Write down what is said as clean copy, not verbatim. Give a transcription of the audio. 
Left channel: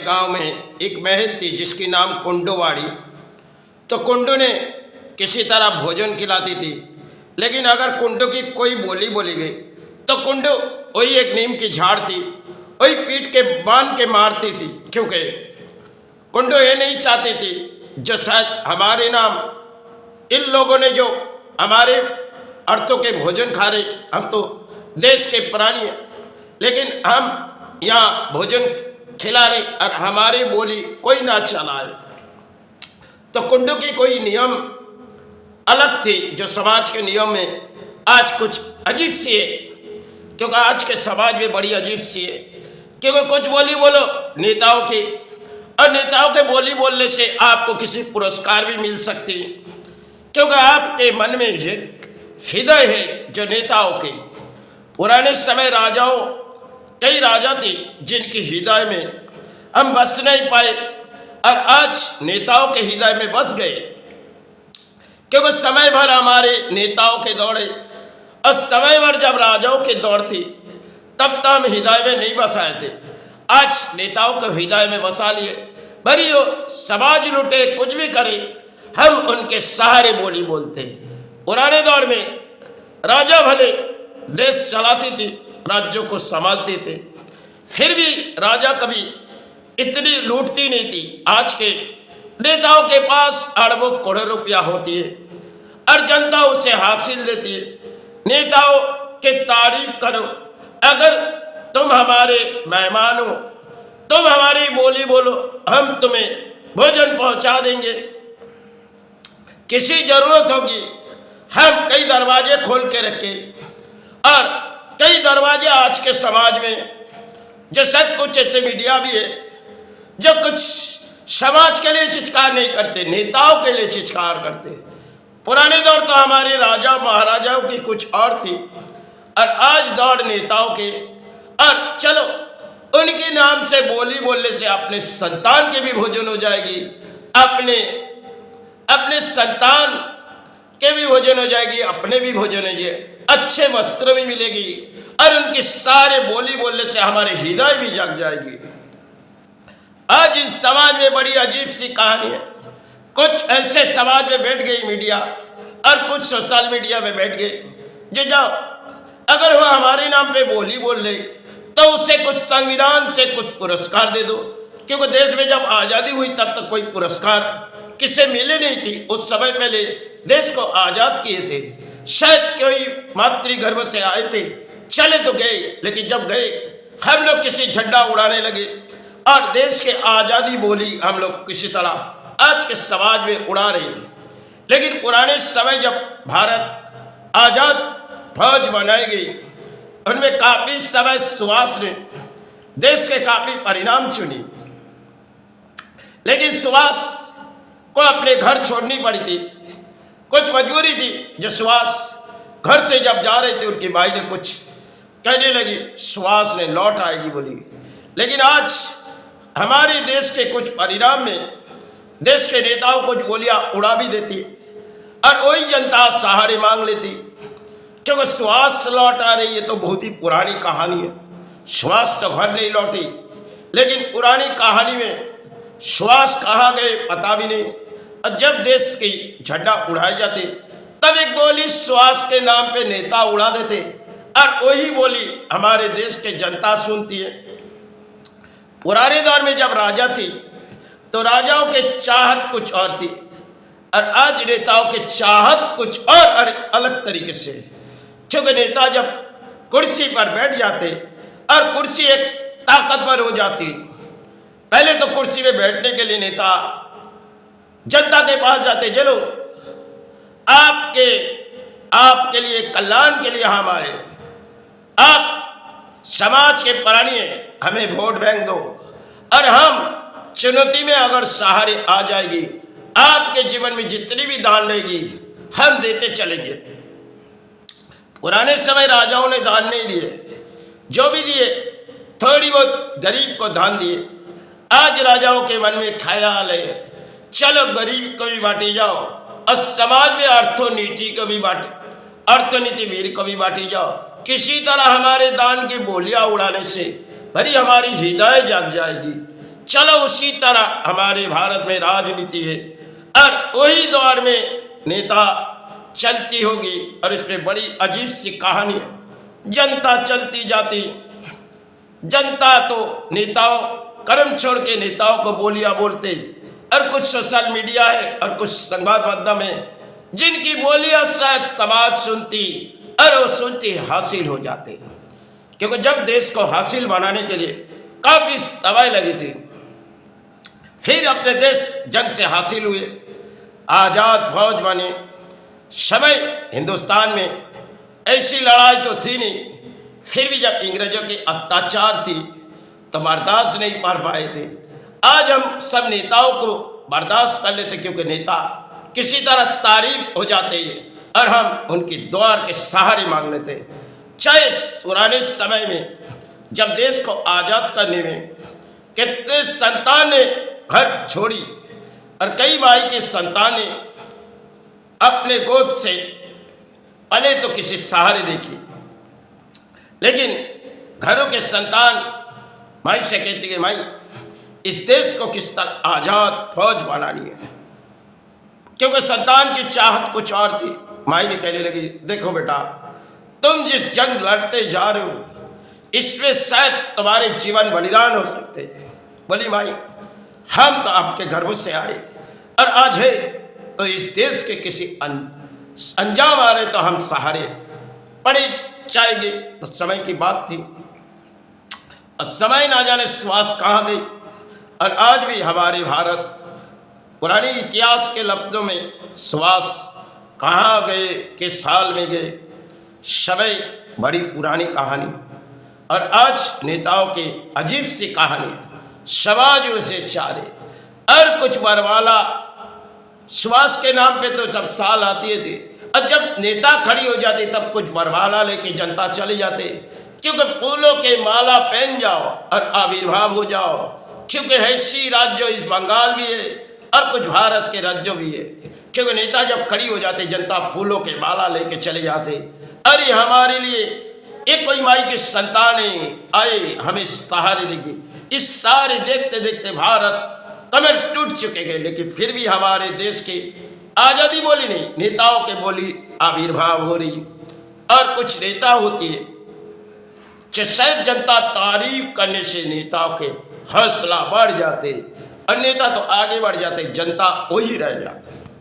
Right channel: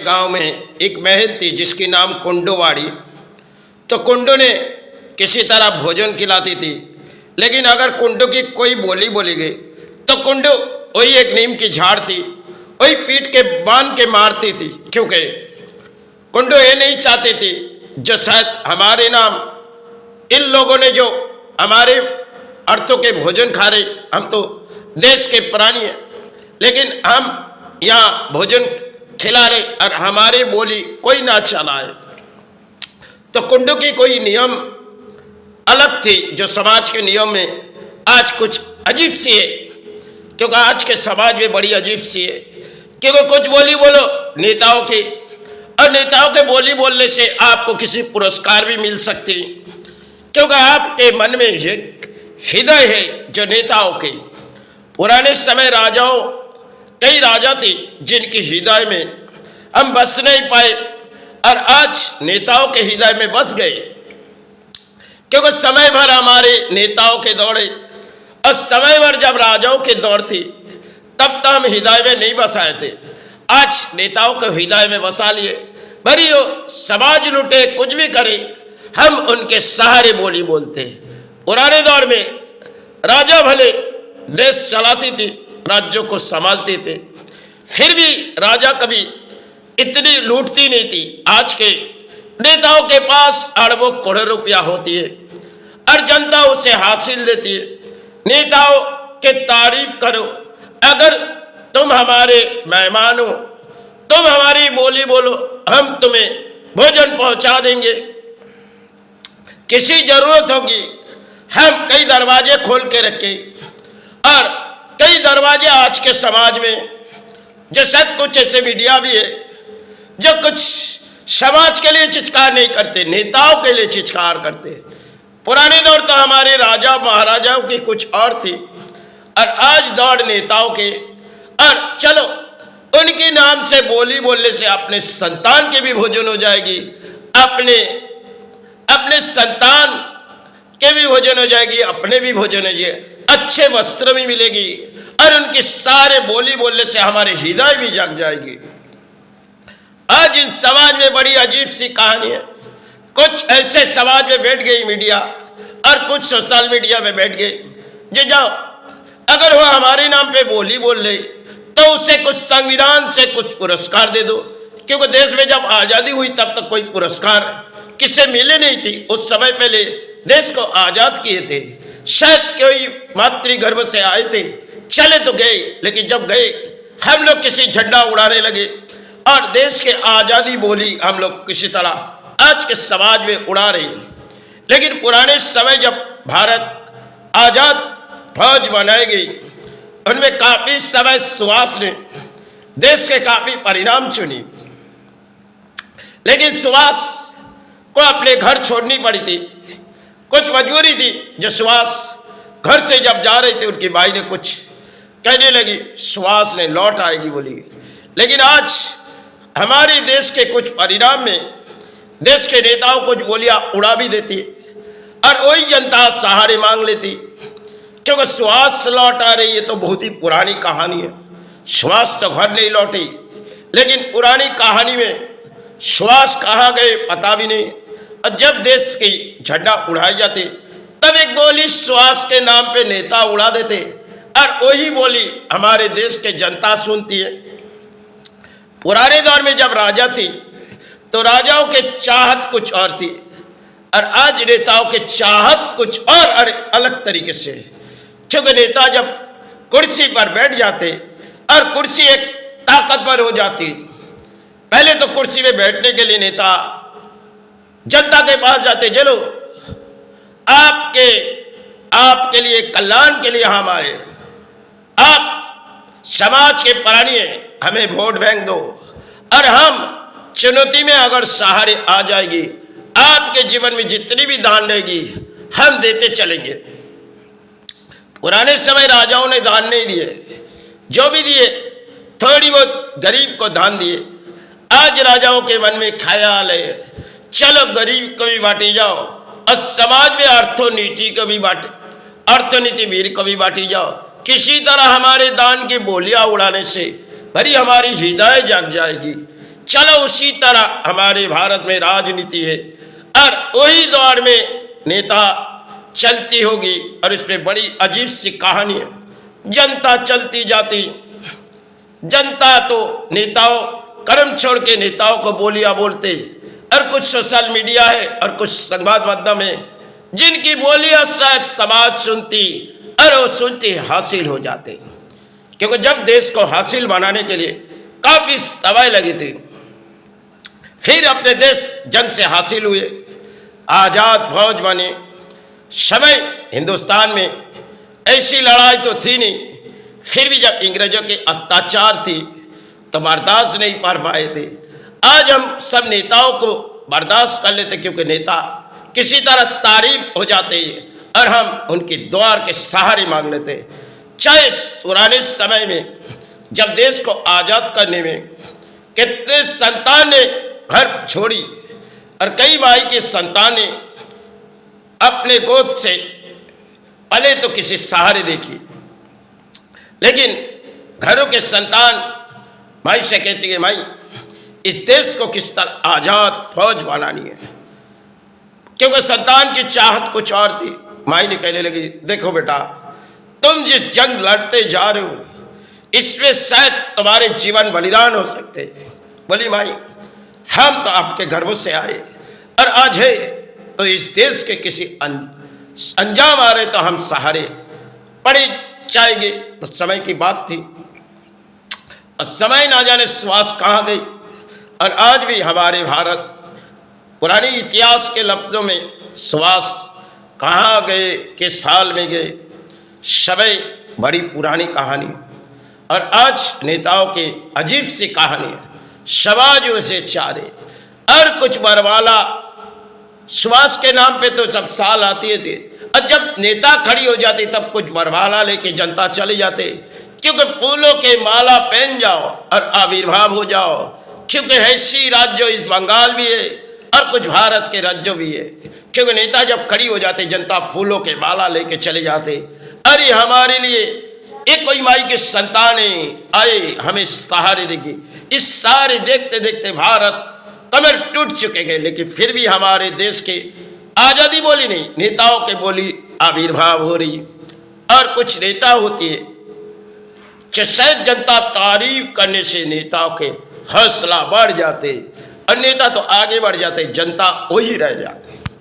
गांव में एक महल थी जिसकी नाम कुंडोवाड़ी। तो कुंडो ने किसी तरह भोजन खिलाती थी, लेकिन अगर कुंडो की कोई बोली बोली गई तो कुंडो वही एक नीम की झाड़ थी, वही पीट के बांध के मारती थी, क्योंकि कुंडो ये नहीं चाहती थी जो शायद हमारे नाम इन लोगों ने जो हमारे अर्थों के भोजन खा रहे, हम तो देश के प्राणी हैं, लेकिन हम यहाँ भोजन खिला रहे और हमारे बोली कोई ना चलाए। तो कुंडो की कोई नियम अलग थी जो समाज के नियम में आज कुछ अजीब सी है, क्योंकि आज के समाज में बड़ी अजीब सी है कि वो कुछ बोली बोलो नेताओं की, और नेताओं के बोली बोलने से आपको किसी पुरस्कार भी मिल सकती, क्योंकि आपके मन में एक हृदय है जो नेताओं के। पुराने समय राजाओं, कई राजा थे जिनकी हृदय में हम बस नहीं पाए और आज नेताओं के हृदय में बस गए, क्योंकि समय भर हमारे नेताओं के दौड़े और समय भर जब राजाओं के दौड़ थी तब तो हम हृदय में नहीं बसाए थे। आज नेताओं के हृदय में बसा लिए, भरी हो समाज लुटे कुछ भी करे, हम उनके सहारे बोली बोलते। पुराने दौर में राजा भले देश चलाती थी, राज्यों को संभालते थे, फिर भी राजा कभी इतनी लूटती नहीं थी। आज के नेताओं के पास अरबों करोड़ों रुपया होती है और जनता उसे हासिल लेती है। नेताओं के तारीफ करो, अगर तुम हमारे मेहमान हो, तुम हमारी बोली बोलो, हम तुम्हें भोजन पहुंचा देंगे। किसी जरूरत होगी हम कई दरवाजे खोल के रखे, और कई दरवाजे आज के समाज में जो शायद कुछ ऐसे मीडिया भी है जो कुछ समाज के लिए चित्कार नहीं करते, नेताओं के लिए चित्कार करते। पुराने दौर तो हमारे राजा महाराजाओं की कुछ और थी और आज दौड़ नेताओं के। और चलो उनके नाम से बोली बोलने से अपने संतान के भी भोजन हो जाएगी, अपने संतान के भी भोजन हो जाएगी, अपने भी भोजन हो जाएगी, अच्छे वस्त्र भी मिलेगी और उनकी सारे बोली बोलने से हमारे हृदय भी जग जाएगी। आज इन समाज में बड़ी अजीब सी कहानी है। कुछ ऐसे समाज में बैठ गई मीडिया और कुछ सोशल मीडिया में बैठ गए जो जाओ अगर वह हमारे नाम पे बोली बोल ले तो उसे कुछ संविधान से कुछ पुरस्कार दे दो, क्योंकि देश में जब आज़ादी हुई तब तक कोई पुरस्कार किसे मिले नहीं थी। उस समय पहले देश को आज़ाद किए थे, शायद कोई मातृगर्भ से आए थे, चले तो गए, लेकिन जब गए हम लोग किसी झंडा उड़ाने लगे और देश के आज़ादी बोली हम लोग किसी तरह आज के समाज में उड़ा रहे। लेकिन पुराने समय जब भारत आज़ाद फौज बनाई गई, उनमें काफ़ी समय सुभाष ने देश के काफ़ी परिणाम चुनी, लेकिन सुभाष को अपने घर छोड़नी पड़ी थी, कुछ मजबूरी थी। जो सुभाष घर से जब जा रहे थे उनकी भाई ने कुछ कहने लगी, सुभाष ने लौट आएगी बोली। लेकिन आज हमारे देश के कुछ परिणाम में देश के नेताओं कुछ गोलियां उड़ा भी देती और वही जनता सहारे मांग लेती, क्योंकि सुभाष लौट आ रही है तो बहुत ही पुरानी कहानी है। सुभाष तो घर नहीं लौटी, लेकिन पुरानी कहानी में सुभाष कहाँ गए पता भी नहीं। और जब देश की झंडा उड़ाई जाती तब एक बोली सुभाष के नाम पे नेता उड़ा देते और वही बोली हमारे देश के जनता सुनती है। पुराने दौर में जब राजा थी तो राजाओं के चाहत कुछ और थी और आज नेताओं के चाहत कुछ और अलग तरीके से, क्योंकि नेता जब कुर्सी पर बैठ जाते और कुर्सी एक ताकतवर हो जाती। पहले तो कुर्सी में बैठने के लिए नेता जनता के पास जाते, चलो आपके लिए कल्याण के लिए हम आए, आप समाज के प्राणी हैं, हमें वोट बैंक दो और हम चुनौती में अगर सहारे आ जाएगी, आपके जीवन में जितनी भी दान रहेगी हम देते चलेंगे। पुराने समय राजाओं ने दान नहीं दिए, जो भी दिए थोड़ी बहुत गरीब को दान दिए। आज राजाओं के मन में ख्याल है चलो गरीब को भी बांटी जाओ और समाज में अर्थनीति को भी बांटे, अर्थनीति वीर को भी बांटी जाओ। किसी तरह हमारे दान की बोलियां उड़ाने से भरी हमारी हृदय जग जाएगी, चलो उसी तरह हमारे भारत में राजनीति है और वही दौर में नेता चलती होगी और इसमें बड़ी अजीब सी कहानी है। जनता चलती जाती, जनता तो नेताओं कर्म छोड़ के नेताओं को बोलियां बोलते, और कुछ सोशल मीडिया है और कुछ संवाद माध्यम है जिनकी बोलियां शायद समाज सुनती और वो सुनती हासिल हो जाते, क्योंकि जब देश को हासिल बनाने के लिए काफी समय लगी थी, फिर अपने देश जंग से हासिल हुए, आजाद फौज बने। समय हिंदुस्तान में ऐसी लड़ाई तो थी नहीं, फिर भी जब अंग्रेजों के अत्याचार थी तो बर्दाश्त नहीं कर पाए थे। आज हम सब नेताओं को बर्दाश्त कर लेते, क्योंकि नेता किसी तरह तारीफ हो जाते हैं और हम उनकी दुआ के सहारे मांग लेते। चाहे पुराने समय में जब देश को आज़ाद करने में कितने संतान ने घर छोड़ी और कई भाई के संतान ने अपने गोद से पले तो किसी सहारे देखी, लेकिन घरों के संतान भाई से कहती है, भाई इस देश को किस तरह आज़ाद फौज बनानी है, क्योंकि संतान की चाहत कुछ और थी। माई ने कहने लगी, देखो बेटा, तुम जिस जंग लड़ते जा रहे हो इसमें शायद तुम्हारे जीवन बलिदान हो सकते। बोली माई, हम तो आपके गर्भों से आए और आज है तो इस देश के किसी अंजाम आ रहे तो हम सहारे पड़े जाएंगे। तो समय की बात थी और समय ना जाने श्वास कहाँ गई, और आज भी हमारे भारत पुरानी इतिहास के लफ्ज़ों में श्वास कहाँ गए, किस साल में गए, समय बड़ी पुरानी कहानी। और आज नेताओं की अजीब सी कहानी, समाज से चारे और कुछ बरवाला श्वास के नाम पे तो सब साल आती थी, और जब नेता खड़ी हो जाती तब कुछ बरवाला लेके जनता चले जाते, क्योंकि फूलों के माला पहन जाओ और आविर्भाव हो जाओ, क्योंकि ऐसी राज्य इस बंगाल भी है और कुछ भारत के राज्यों भी है, क्योंकि नेता जब खड़ी हो जाते जनता फूलों के माला लेके चले जाते। अरे हमारे लिए एक कोई माई के संतानें आए हमें सहारे देगी। इस सहारे देखते देखते भारत कमर टूट चुके हैं, लेकिन फिर भी हमारे देश के आज़ादी बोली नहीं, नेताओं के बोली आविर्भाव हो रही। और कुछ नेता होती है कि शायद जनता तारीफ करने से नेताओं के हौसला बढ़ जाते और नेता तो आगे बढ़ जाते, जनता वही रह जाते।